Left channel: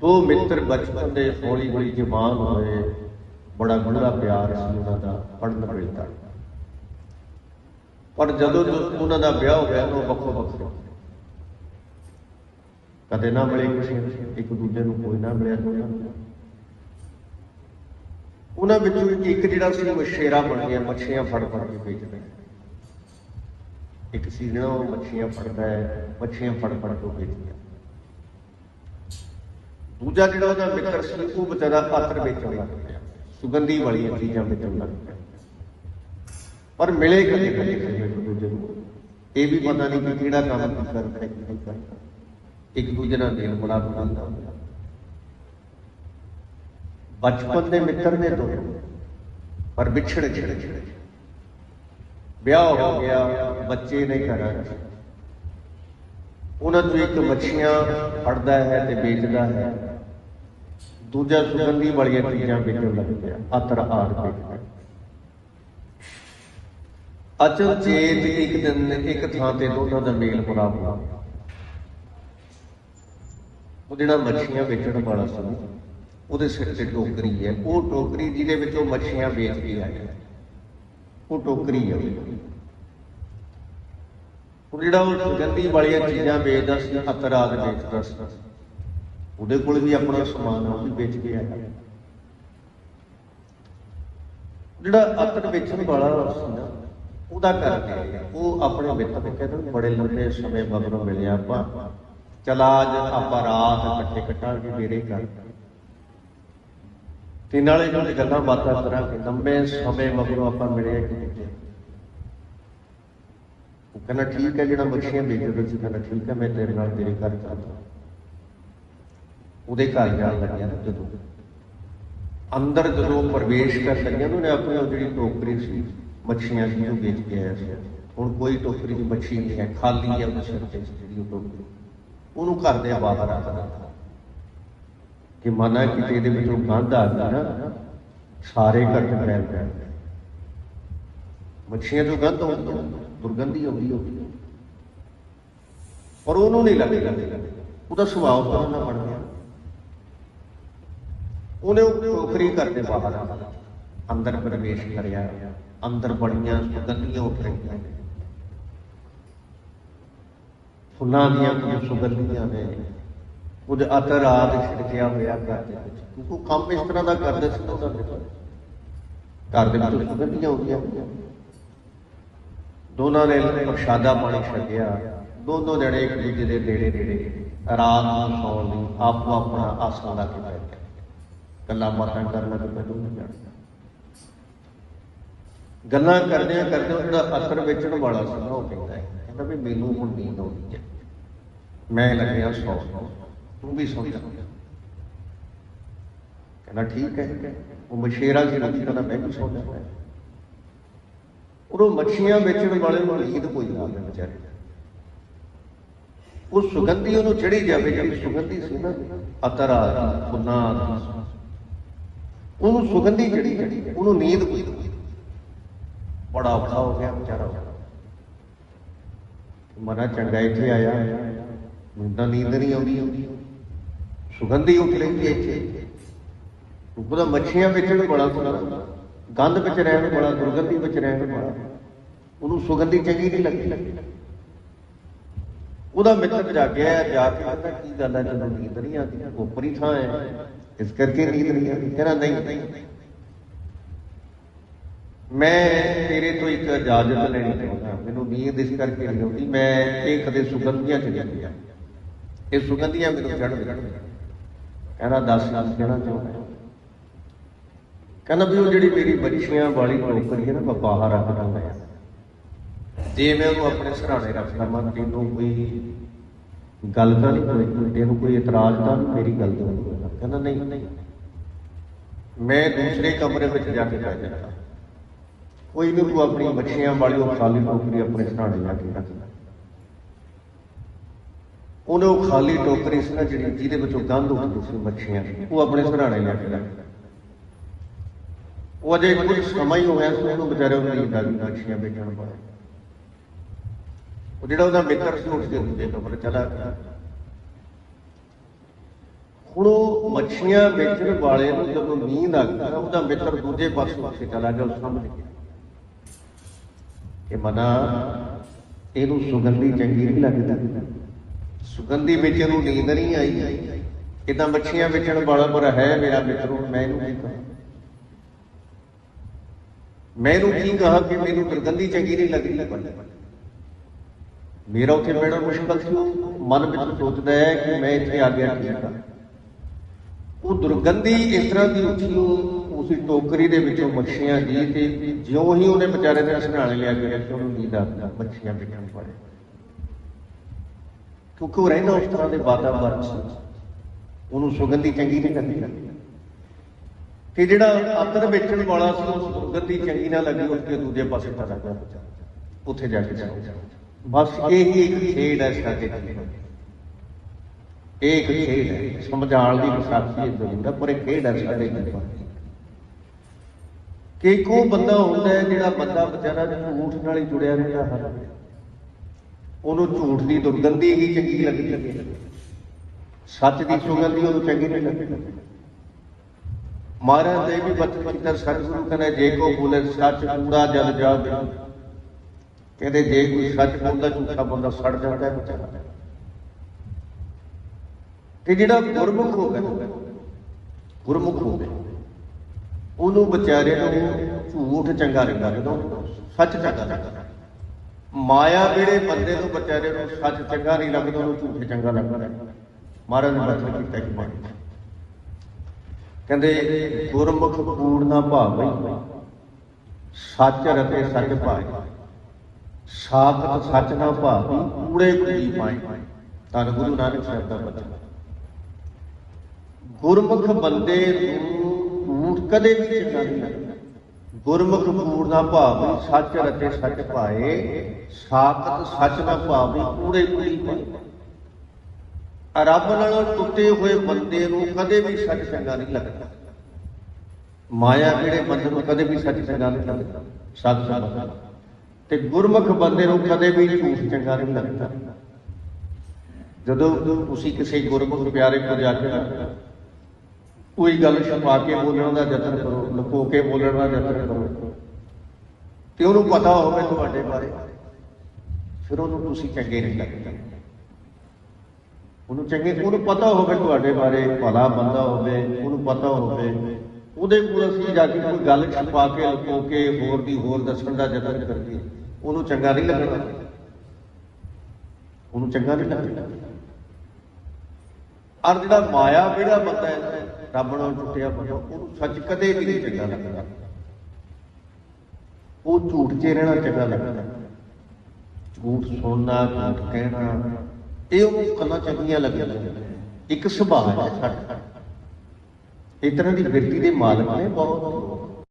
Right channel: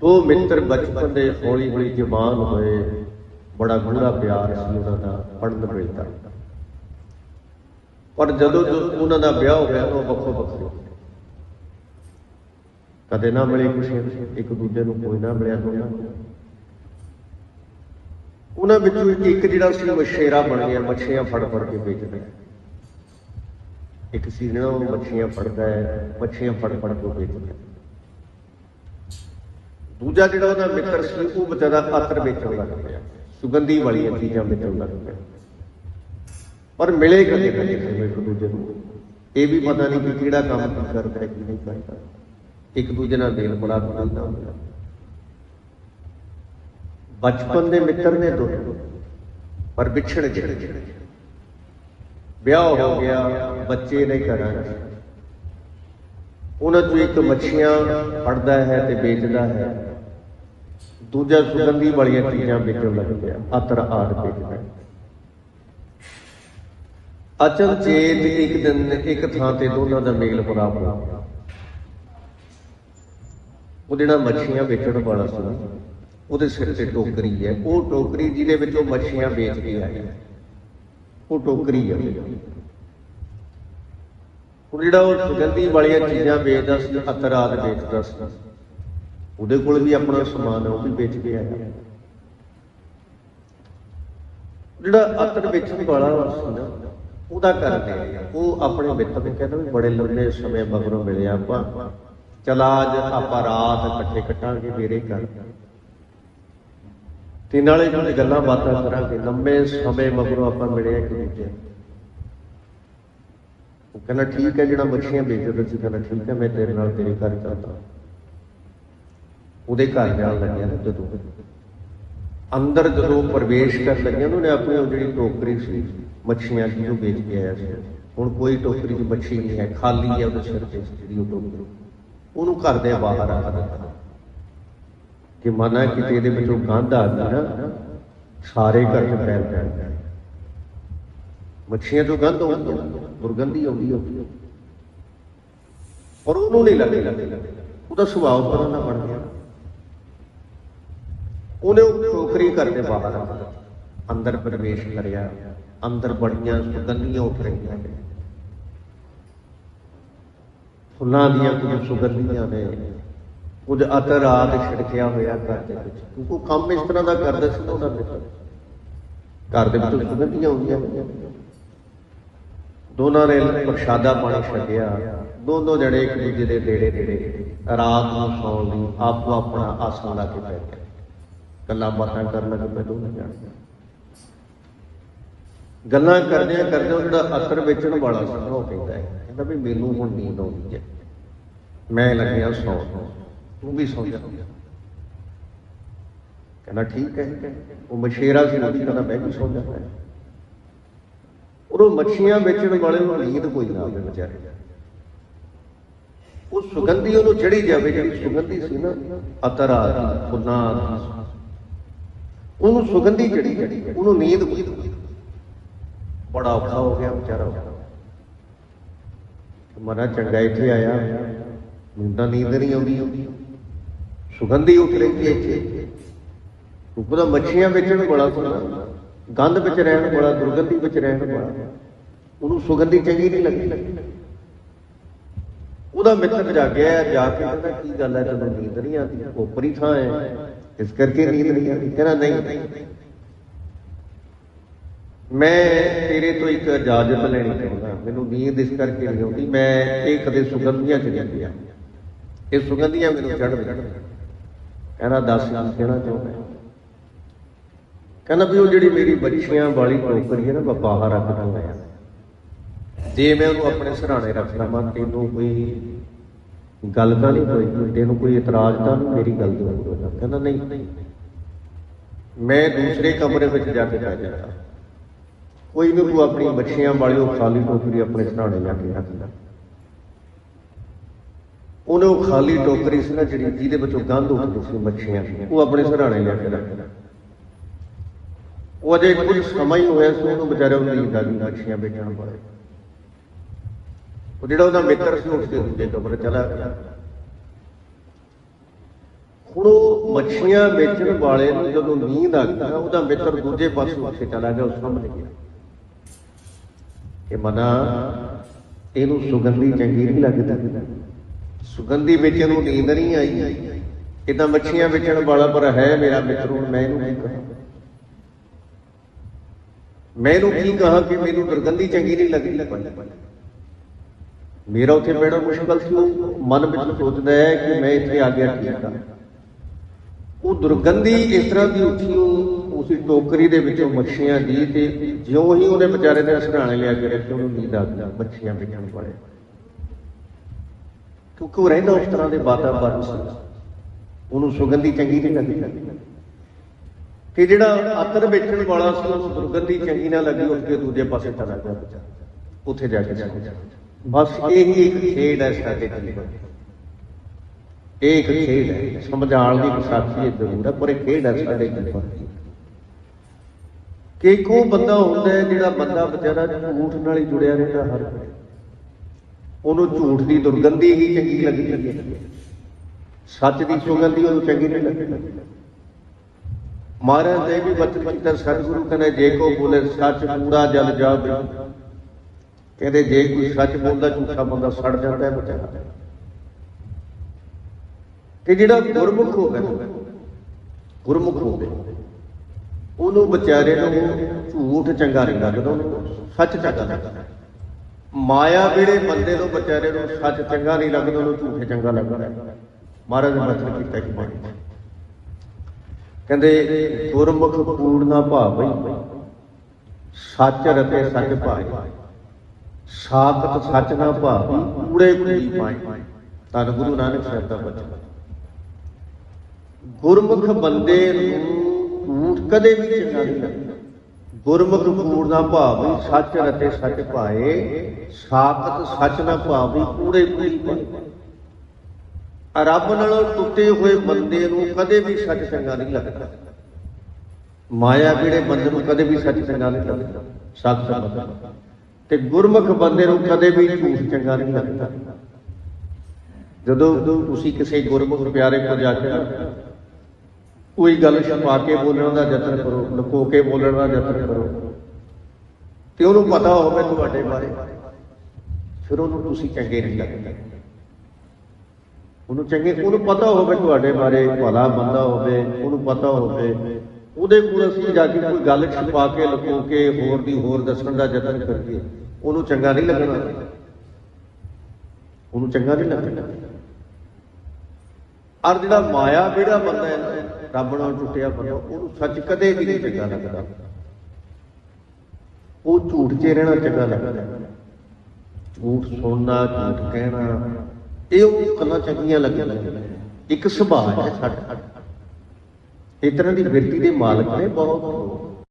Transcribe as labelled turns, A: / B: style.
A: ਦੋ ਮਿੱਤਰ ਬਚਪਨ ਦੇ ਹੌਲੀ ਹੌਲੀ ਜਵਾਨ ਹੋਏ, ਬੜਾ ਗੂੜਾ ਪਿਆਰ ਸੀ ਉਹਨਾਂ ਦਾ ਪੜਨ ਵੇਲੇ ਪਰ ਜਦੋਂ ਉਹਨਾਂ ਦਾ ਵਿਆਹ ਹੋਇਆ, ਉਹ ਵੱਖੋ ਵੱਖਰੇ ਹੋ ਗਏ। ਕਦੇ ਨਾ ਮਿਲੇ ਕਿਸੇ ਇੱਕ ਦੂਜੇ ਨੂੰ ਕੋਈ ਨਾ ਮਿਲਿਆ ਹੋਇਆ ਉਹਨਾਂ ਵਿੱਚੋਂ ਇੱਕ ਜਿਹੜਾ ਸੀ ਮਛੇਰਾ ਬਣ ਗਿਆ ਮੱਛੀਆਂ ਫੜ ਫੜ ਕੇ ਵੇਚਦਾ ਇੱਕ ਸੀ ਜਿਹੜਾ ਉਹ ਮੱਛੀਆਂ ਫੜਦਾ ਹੈ, ਮੱਛੀਆਂ ਫੜ ਫੜ ਕੇ ਵੇਚਦਾ ਦੂਜਾ ਜਿਹੜਾ ਉਹਦਾ ਮਿੱਤਰ ਸੀ, ਉਹ ਬਚਾਰਾ ਪਾਤਰ ਵੇਚਣ ਲੱਗ ਪਿਆ। ਸੁਗੰਧੀ ਵਾਲੀਆਂ ਚੀਜ਼ਾਂ ਵੇਚਣ ਲੱਗ ਪਿਆ। ਪਰ ਮਿਲੇ ਕਦੇ ਕਦੇ ਦੂਜੇ ਨੂੰ। ਇਹ ਵੀ ਪਤਾ ਨਹੀਂ ਕਿ ਕਿਹੜਾ ਕੰਮ ਕਰਦਾ ਹੈ ਕਿ ਨਹੀਂ ਕਰਦਾ ਇੱਕ ਦੂਜੇ ਨਾਲ ਦਿਲ ਬੜਾ ਹੁੰਦਾ ਹੁੰਦਾ ਬਚਪਨ ਦੇ ਮਿੱਤਰ ਨੇ ਦੋ। ਪਰ ਵਿਛੜ ਜਿਹੜੇ ਜਿਹੜੇ ਵਿਆਹ ਹੋ ਗਿਆ, ਬੱਚੇ ਨਹੀਂ ਕਰਨਾ ਉਹਨਾਂ ਤੋਂ ਇੱਕ ਮੱਛੀਆਂ ਫੜਦਾ ਹੈ ਤੇ ਵੇਚਦਾ ਹੈ। ਦੂਜਾ ਸੁਗੰਧੀ ਵਾਲੀਆਂ ਚੀਜ਼ਾਂ ਵੇਚਣ ਲੱਗ ਪਿਆ ਅਤਰ ਆਰ ਵੇਚਦਾ ਹੈ। ਅਚਲ ਚੇਤ ਇੱਕ ਦਿਨ, ਇੱਕ ਥਾਂ ਤੇ ਦੋਨਾਂ ਦਾ ਮੇਲ ਖਰਾਬ ਹੋ ਉਹ ਜਿਹੜਾ ਮੱਛੀਆਂ ਵੇਚਣ ਵਾਲਾ ਸੀ। ਉਹਦੇ ਸਿਰ ਤੇ ਟੋਕਰੀ ਹੈ। ਉਹ ਟੋਕਰੀ ਜਿਹਦੇ ਵਿੱਚ ਉਹ ਮੱਛੀਆਂ ਵੇਚ ਰਿਹਾ ਹੈ ਉਹ ਟੋਕਰੀ ਹੈ ਉਹ ਜਿਹੜਾ ਉਹ ਸੁਗੰਧੀ ਵਾਲੀਆਂ ਚੀਜ਼ਾਂ ਵੇਚਦਾ ਸੀ ਅਤਰ ਆਦਿ ਵੇਚਦਾ ਸੀ। ਉਹਦੇ ਕੋਲ ਵੀ ਆਪਣਾ ਸਮਾਨ ਉਹ ਵੀ ਵੇਚ ਕੇ ਆਇਆ ਜਿਹੜਾ ਅਤਰ ਵੇਚਣ ਵਾਲਾ ਸੀ ਨਾ ਉਹਦਾ ਕਰਕੇ ਉਹ ਆਪਣੇ ਮਿੱਤਰ ਨੇ ਕਹਿੰਦੇ ਬੜੇ ਲੰਬੇ ਸਮੇਂ ਮਗਰੋਂ ਮਿਲਿਆ ਆਪਾਂ। ਚਲਾ ਅੱਜ ਆਪਾਂ ਰਾਤ ਇਕੱਠੇ ਕੱਟਾਂਗੇ ਮੇਰੇ ਘਰ। ਤੇ ਨਾਲੇ ਜਿਹੜੇ ਗੱਲਾਂ ਬਾਤਾਂ ਕਰਾਂਗੇ, ਲੰਬੇ ਸਮੇਂ ਮਗਰੋਂ ਆਪਾਂ ਮਿਲਿਆ ਕਿ ਦੂਜੇ ਉਹ ਕਹਿੰਦਾ, ਠੀਕ ਹੈ, ਜਿਹੜਾ ਮੱਛੀਆਂ ਵੇਚਦਾ ਸੀ, ਕਹਿੰਦਾ, ਠੀਕ ਹੈ, ਮੈਂ ਤੇਰੇ ਨਾਲ ਤੇਰੇ ਘਰ ਚੱਲਦਾ ਉਹਦੇ ਘਰ ਜਾਣ ਲੱਗਿਆ ਨਾ ਜਦੋਂ। ਅੰਦਰ ਜਦੋਂ ਪ੍ਰਵੇਸ਼ ਕਰ ਲੱਗਿਆ ਉਹਨੇ ਆਪਣੀ ਉਹ ਜਿਹੜੀ ਟੋਕਰੀ ਸੀ, ਮੱਛੀਆਂ ਦੀ ਉਹ ਵੇਚ ਕੇ ਆਇਆ ਸੀ। ਹੁਣ ਕੋਈ ਟੋਕਰੀ ਦੀ ਮੱਛੀ ਨਹੀਂ ਹੈ, ਖਾਲੀ ਹੈ ਉਹਦੇ ਸਿਰ ਤੇ ਜਿਹੜੀ ਉਹ ਟੋਕਰੀ। ਉਹਨੂੰ ਘਰ ਦੇ ਬਾਹਰ ਰੱਖ ਦਿੱਤਾ ਕਿ ਮਨਾ ਕਿ ਇਹਦੇ ਵਿੱਚੋਂ ਗੰਧ ਆ ਗਈ ਨਾ, ਸਾਰੇ ਘਰ ਚ ਫੈਲ ਪੈਂਦਾ ਮੱਛੀਆਂ ਤੋਂ ਗੰਧ ਆਉਂਦੀ ਦੁਰਗੰਧੀ ਆਉਂਦੀ ਹੈ। ਔਰ ਉਹਨੂੰ ਨਹੀਂ ਲੱਗਦੀ। ਉਹਦਾ ਸੁਭਾਅ ਪਰ ਉਹਨਾਂ ਬਣ ਗਿਆ। ਉਹਨੇ ਉਹ ਟੋਕਰੀ ਕਰਦੇ ਬਾਹਰ। ਅੰਦਰ ਪ੍ਰਵੇਸ਼ ਕਰਿਆ। ਅੰਦਰ ਬੜੀਆਂ ਸੁਗੰਧੀਆਂ ਉੱਠ ਰਹੀਆਂ। ਨੇ ਫੁੱਲਾਂ ਦੀਆਂ ਕੁਝ ਸੁਗੰਧੀਆਂ ਨੇ ਕੁਝ ਅਤਰ ਆਦਿ ਛਿੜਕਿਆ ਹੋਇਆ ਘਰ ਦੇ ਵਿੱਚ। ਕਿਉਂਕਿ ਉਹ ਕੰਮ ਇਸ ਤਰ੍ਹਾਂ ਦਾ ਕਰਦਾ ਸੀ ਉਹਨਾਂ ਦੇ ਘਰ ਦੇ ਵਿੱਚ ਸੁਗੰਧੀਆਂ ਹੁੰਦੀਆਂ ਦੋਨਾਂ ਨੇ ਪ੍ਰਸ਼ਾਦਾ ਪਾਣੀ ਛਕਿਆ। ਦੋਨੋਂ ਜਣੇ ਇੱਕ ਦੂਜੇ ਦੇ ਨੇੜੇ ਨੇੜੇ। ਰਾਤ ਨੂੰ ਸੌਣ ਲਈ ਆਪੋ ਆਪਣਾ ਆਸਣ ਲਾ ਕੇ ਬੈਠੇ ਗੱਲਾਂ ਬਾਤਾਂ ਕਰਨ ਲੱਗ ਪਏ ਦੋਵੇਂ ਜਾਣੇ ਗੱਲਾਂ ਕਰਦਿਆਂ ਕਰਦੇ ਉਹ ਜਿਹੜਾ ਅਸਰ ਵੇਚਣ ਵਾਲਾ ਸੀ ਨਾ ਉਹ ਕਹਿੰਦਾ ਹੈ। ਕਹਿੰਦਾ ਵੀ ਮੈਨੂੰ ਹੁਣ ਨੀਂਦ ਆਉਂਦੀ ਹੈ। ਮੈਂ ਲੱਗਿਆ ਸੌ ਤੂੰ ਵੀ ਸੌ ਜਾ। ਕਹਿੰਦਾ ਠੀਕ ਹੈ। ਉਹ ਮਛੇਰਾ ਸੀ ਨਾ, ਕਹਿੰਦਾ ਮੈਂ ਵੀ ਸੌ ਜਾਂਦਾ ਉਹ ਮੱਛੀਆਂ ਵੇਚਣ ਵਾਲੇ ਨੂੰ ਨੀਂਦ ਕੋਈ ਹੋ ਆਉਂਦੀ ਵਿਚਾਰੇ ਉਹ ਸੁਗੰਧੀ ਉਹਨੂੰ ਚੜੀ ਜਾਵੇ ਜਿਹੜੀ ਸੁਗੰਧੀ ਸੀ ਨਾ, ਅਤਰ ਆ ਸੁਨਾ ਉਹਨੂੰ ਸੁਗੰਧੀ ਚੜੀ ਉਹਨੂੰ ਨੀਂਦ ਕੋਈ ਬੜਾ ਔਖਾ ਹੋ ਗਿਆ ਵਿਚਾਰਾ। ਮਨਾ ਚੰਗਾ ਇੱਥੇ ਆਇਆ। ਮੁੰਡਾ ਨੀਂਦ ਨਹੀਂ ਆਉਂਦੀ। ਸੁਗੰਧੀ ਉੱਠ ਰਹੀ ਹੈ ਇੱਥੇ। ਉਹਦਾ ਮੱਛੀਆਂ ਵੇਚਣ ਬੜਾ ਸੋਹਣਾ ਗੰਧ ਵਿੱਚ ਰਹਿਣ ਵਾਲਾ ਦੁਰਗਤੀ ਵਿੱਚ ਰਹਿਣ ਵਾਲਾ ਉਹਨੂੰ ਸੁਗੰਧੀ ਚੰਗੀ ਨਹੀਂ ਲੱਗੀ। ਉਹਦਾ ਮਿੱਤਰ ਜਾਗਿਆ ਜਾ ਕੇ ਕਹਿੰਦਾ ਕੀ ਗੱਲ ਹੈ, ਤੈਨੂੰ ਨੀਂਦ ਨਹੀਂ ਆਉਂਦੀ? ਉਪਰੀ ਥਾਂ ਹੈ। ਇਸ ਕਰਕੇ ਨੀਂਦ ਨਹੀਂ ਆਉਂਦੀ। ਕਹਿੰਦਾ, ਨਹੀਂ, ਮੈਂ ਤੇਰੇ ਤੋਂ ਇੱਕ ਇਜਾਜ਼ਤ ਲੈਣੀ ਚਾਹੁੰਦਾ। ਮੈਨੂੰ ਨੀਂਦ ਇਸ ਕਰਕੇ ਨਹੀਂ ਆਉਂਦੀ। ਮੈਂ ਇਹ ਕਦੇ ਸੁਗੰਧੀਆਂ ਚ ਜਾਂਦੀਆਂ ਇਹ ਸੁਗੰਧੀਆਂ ਮੈਨੂੰ ਚੜ੍ਹਦੀਆਂ ਕਹਿੰਦਾ, ਦੱਸ ਦੱਸ, ਕਹਿਣਾ ਚਾਹੁੰਦਾ ਕਹਿੰਦਾ, ਵੀ ਉਹ ਜਿਹੜੀ ਮੇਰੀ ਬੱਚੀਆਂ ਵਾਲੀ ਟੋਕਰੀ ਹੈ ਨਾ, ਮੈਂ ਬਾਹਰ ਰੱਖ ਦਿੰਦਾ ਜੇ ਮੈਂ ਉਹਨੂੰ ਆਪਣੇ ਸਰਾਣੇ ਰੱਖ ਲਵਾਂ, ਤੈਨੂੰ ਕੋਈ ਗੱਲ ਤਾਂ ਨਹੀਂ ਹੋਈ ਤੈਨੂੰ ਕੋਈ ਇਤਰਾਜ਼ ਤਾਂ ਮੇਰੀ ਗੱਲ ਤੋਂ ਕਹਿੰਦਾ ਨਹੀਂ ਨਹੀਂ। ਮੈਂ ਦੂਸਰੇ ਕਮਰੇ ਵਿੱਚ ਜਾ ਕੇ ਬੈਠ ਜਾਂਦਾ। ਕੋਈ ਵੀ ਤੂੰ ਆਪਣੀ ਮੱਛੀਆਂ ਵਾਲੀ ਉਹ ਖਾਲੀ ਟੋਕਰੀ ਆਪਣੇ ਸਰਾਣੇ ਜਾ ਕੇ ਰੱਖਦਾ ਉਹਨੇ ਉਹ ਖਾਲੀ ਟੋਕਰੀ ਸੀ ਨਾ ਜਿਹੜੀ, ਜਿਹਦੇ ਵਿੱਚੋਂ ਗੰਦ ਹੁੰਦੀ ਸੀ ਬੱਚੀਆਂ ਉਹ ਆਪਣੇ ਸਰਾਣੇ ਲੈ ਕੇ ਰੱਖਦਾ ਉਹ ਅਜੇ ਕੁਝ ਸਮਾਂ ਹੀ ਹੋਇਆ ਸੀ, ਉਹਨੂੰ ਵਿਚਾਰੇ ਨੂੰ ਨੀਂਦ ਆ ਗਈ ਬੱਚੀਆਂ ਵੇਚਣ ਵਾਲੇ। ਉਹ ਜਿਹੜਾ ਉਹਦਾ ਮਿੱਤਰ ਸੀ ਉਸ ਹੁੰਦੇ ਕਬਰ ਚਲਾ ਗਿਆ। ਹੁਣ ਉਹ ਮੱਛੀਆਂ ਵੇਚਣ ਵਾਲੇ ਨੂੰ ਜਦੋਂ ਨੀਂਦ ਆਉਂਦਾ ਉਹਦਾ ਮਿੱਤਰ ਦੂਜੇ ਪਾਸੇ ਉੱਥੇ ਚਲਾ ਗਿਆ, ਉਸ ਸਮਝ ਗਿਆ। ਕਿ ਮਨਾ, ਇਹਨੂੰ ਸੁਗੰਧੀ ਚੰਗੀ ਨਹੀਂ ਲੱਗਦੀ। ਸੁਗੰਧੀ ਵਿੱਚ ਨੂੰ ਨੀਂਦ ਨਹੀਂ ਆਈ। ਇਦਾਂ ਮੱਛੀਆਂ ਵੇਚਣ ਵਾਲਾ ਪਰ ਹੈ ਮੇਰਾ ਮਿੱਤਰ, ਹੁਣ ਮੈਂ ਇਹਨੂੰ ਕੀ ਕਹਾਂ? ਮੈਂ ਇਹਨੂੰ ਕੀ ਕਹਾਂ ਕਿ ਮੇਰੀ ਦੁਰਗੰਧੀ ਚੰਗੀ ਨਹੀਂ ਲੱਗਦੀ? ਮੇਰਾ ਉੱਥੇ ਬੈਠਣਾ ਮੁਸ਼ਕਲ ਸੀ। ਉਹ ਮਨ ਵਿੱਚ ਸੋਚਦਾ ਹੈ ਕਿ ਮੈਂ ਇੱਥੇ ਆ ਗਿਆ ਠੀਕ ਹਾਂ ਉਹ ਦੁਰਗੰਧੀ ਇਸ ਤਰ੍ਹਾਂ ਦੀ ਉੱਠੀ ਉਹ ਉਸੇ ਟੋਕਰੀ ਦੇ ਵਿੱਚੋਂ ਮੱਛੀਆਂ ਦੀ ਤੇ ਜਿਉਂ ਹੀ ਉਹਨੇ ਵਿਚਾਰੇ ਦੇ ਸਰਾਣੇ ਲਿਆ ਕੇ ਰੱਖਿਆ, ਉਹਨੂੰ ਨੀਂਦ ਆ ਗਈ। ਮੱਛੀਆਂ ਵੇਚਣ ਵਾਲੇ। ਕਿਉਂਕਿ ਉਹ ਰਹਿੰਦਾ ਉਸ ਤਰ੍ਹਾਂ ਦੇ ਵਾਤਾਵਰਣ ਸੀ ਉਹਨੂੰ ਸੁਗੰਧੀ ਚੰਗੀ ਨਹੀਂ ਲੱਗਦੀ। ਤੇ ਜਿਹੜਾ ਅਤਰ ਵੇਚਣ ਵਾਲਾ ਸੀ, ਉਸ ਦੁਰਗੰਧੀ ਚੰਗੀ ਨਾ ਲੱਗੀ ਉਸ ਕੇ ਦੂਜੇ ਪਾਸੇ ਚਲਾ ਗਿਆ। ਉੱਥੇ ਜਾ ਕੇ ਜਾ ਬਸ ਇਹੀ ਇੱਕ ਖੇਡ ਹੈ ਸਾਡੇ ਜੀਵਨ ਇਹ ਇੱਕ ਖੇਡ ਹੈ। ਸਮਝਾਉਣ ਦੀ ਵਿਸਾਖੀ ਜ਼ਰੂਰ ਹੈ, ਪਰ ਇਹ ਖੇਡ ਹੈ ਸਾਡੇ ਜੀਵਨ ਕਿ ਕੋ ਬੰਦਾ ਹੁੰਦਾ ਹੈ ਜਿਹੜਾ ਬੰਦਾ ਵਿਚਾਰਾ ਝੂਠ ਨਾਲ ਹੀ ਜੁੜਿਆ ਰਹਿੰਦਾ ਹਰ ਵੇਲੇ। ਉਹਨੂੰ ਝੂਠ ਦੀ ਦੁਰਗੰਧੀ ਹੀ ਚੰਗੀ ਲੱਗਦੀ ਹੈ। ਸੱਚ ਦੀ ਸੁਗੰਧੀ ਉਹਨੂੰ ਚੰਗੀ ਨਹੀਂ ਲੱਗਦੀ। ਮਹਾਰਾਜ ਦੇ ਵੀ ਬਚਨ ਵਿੱਚ ਸਤਿਗੁਰੂ ਕਹਿੰਦੇ, ਜੇ ਕੋ ਬੋਲੇ ਸੱਚ ਪੂਰਾ ਜਲ ਜਾਵੇ ਕਹਿੰਦੇ ਜੇ ਕੋਈ ਸੱਚ ਬੋਲਦਾ, ਝੂਠਾ ਬੋਲਦਾ, ਸੜ ਜਾਂਦਾ ਹੈ ਵਿਚਾਰਾ ਕਿ ਜਿਹੜਾ ਗੁਰਮੁਖ ਹੋ ਗਿਆ ਗੁਰਮੁਖ ਹੋ ਗਿਆ ਉਹਨੂੰ ਵਿਚਾਰੇ ਨੂੰ ਝੂਠ ਚੰਗਾ ਲੱਗਦਾ ਜਦੋਂ ਸੱਚ ਚੰਗਾ ਲੱਗਦਾ ਮਾਇਆ ਜਿਹੜੇ ਬੰਦੇ ਨੂੰ ਵਿਚਾਰੇ ਨੂੰ ਸੱਚ ਚੰਗਾ ਨਹੀਂ ਲੱਗਦਾ, ਉਹਨੂੰ ਝੂਠ ਚੰਗਾ ਲੱਗਦਾ ਮਹਾਰਾਜ ਨੇ ਬਚਨ ਕੀਤਾ ਕਿ ਬਾਣੀ ਕਹਿੰਦੇ, ਗੁਰਮੁਖ ਪੂਰਨਾ ਭਾਵਈ ਸੱਚ ਰਤੇ ਸੱਚ ਪਾਏ ਸਾਖਤ ਸੱਚ ਨਾ ਭਾਵੀ ਕੂੜੇ ਕੁੜੀ ਪਾਏ ਧੰਨ ਗੁਰੂ ਨਾਨਕ ਸਾਹਿਬ ਦਾ ਬਚਨ। ਗੁਰਮੁਖ ਬੰਦੇ ਨੂੰ ਝੂਠ ਕਦੇ ਵੀ ਚੰਗਾ ਨਹੀਂ ਲੱਗਦਾ ਗੁਰਮੁਖ ਪੂਰਨਾ ਭਾਵੀ ਸੱਚ ਰਤੇ ਸੱਚ ਪਾਏ, ਸਾਖਤ ਸੱਚ ਨਾ ਭਾਵੀ ਕੂੜੇ ਕੁੜੀ ਪਾਏ ਰੱਬ ਨਾਲ ਟੁੱਟੇ ਹੋਏ ਬੰਦੇ ਨੂੰ ਕਦੇ ਵੀ ਸੱਚ ਚੰਗਾ ਨਹੀਂ ਲੱਗਦਾ। ਮਾਇਆ ਜਿਹੜੇ ਬੰਦੇ ਨੂੰ ਕਦੇ ਵੀ ਸੱਚ ਚੰਗਾ ਨਹੀਂ ਲੱਗਦਾ। ਸੱਚ ਸੱਚ ਤੇ ਗੁਰਮੁਖ ਬੰਦੇ ਨੂੰ ਕਦੇ ਵੀ ਝੂਠ ਚੰਗਾ ਨਹੀਂ ਲੱਗਦਾ। ਜਦੋਂ ਤੁਸੀਂ ਕਿਸੇ ਗੁਰਮੁਖ ਪਿਆਰੇ ਕੋਲ ਜਾ ਕੇ ਕੋਈ ਗੱਲ ਛੁਪਾ ਕੇ ਬੋਲਣ ਦਾ ਯਤਨ ਕਰੋ, ਲੁਕੋ ਕੇ ਬੋਲਣ ਦਾ ਯਤਨ ਕਰੋ। ਤੇ ਉਹਨੂੰ ਪਤਾ ਹੋਵੇ ਤੁਹਾਡੇ ਬਾਰੇ, ਫਿਰ ਉਹਨੂੰ ਤੁਸੀਂ ਚੰਗੇ ਨਹੀਂ ਲੱਗਦੇ। ਉਹਨੂੰ ਚੰਗੇ, ਉਹਨੂੰ ਪਤਾ ਹੋਵੇ ਤੁਹਾਡੇ ਬਾਰੇ, ਭਲਾ ਬੰਦਾ ਹੋਵੇ, ਉਹਨੂੰ ਪਤਾ ਹੋਵੇ ਉਹਦੇ ਕੋਲ ਅਸੀਂ ਜਾ ਕੇ ਕੋਈ ਗੱਲ ਛੁਪਾ ਕੇ ਲੁਕੋ ਕੇ ਹੋਰ ਦੀ ਹੋਰ ਦੱਸਣ ਦਾ ਯਤਨ ਕਰੀਏ ਉਹਨੂੰ ਚੰਗਾ ਨਹੀਂ ਲੱਗਣਾ। ਉਹਨੂੰ ਚੰਗਾ ਨਹੀਂ ਲੱਗਣਾ। ਅਰ ਜਿਹੜਾ ਮਾਇਆ ਜਿਹੜਾ ਬੰਦਾ ਹੈ? ਰੱਬ ਨਾਲ ਟੁੱਟਿਆ ਪਿਆ ਉਹਨੂੰ ਸੱਚ ਕਦੇ ਵੀ ਨਹੀਂ ਚੰਗਾ ਲੱਗਦਾ ਉਹ ਝੂਠ 'ਚ ਰਹਿਣਾ ਚੰਗਾ ਲੱਗਦਾ ਝੂਠ ਸੁਣਨਾ, ਝੂਠ ਕਹਿਣਾ, ਇਹ ਉਹ ਗੱਲਾਂ ਚੰਗੀਆਂ ਲੱਗਦੀਆਂ ਇੱਕ ਸੁਭਾਅ ਹੈ ਸਾਡਾ। ਇਸ ਤਰ੍ਹਾਂ ਦੀ ਵਿਅਕਤੀ ਦੇ ਮਾਲਕ ਨੇ ਬਹੁਤ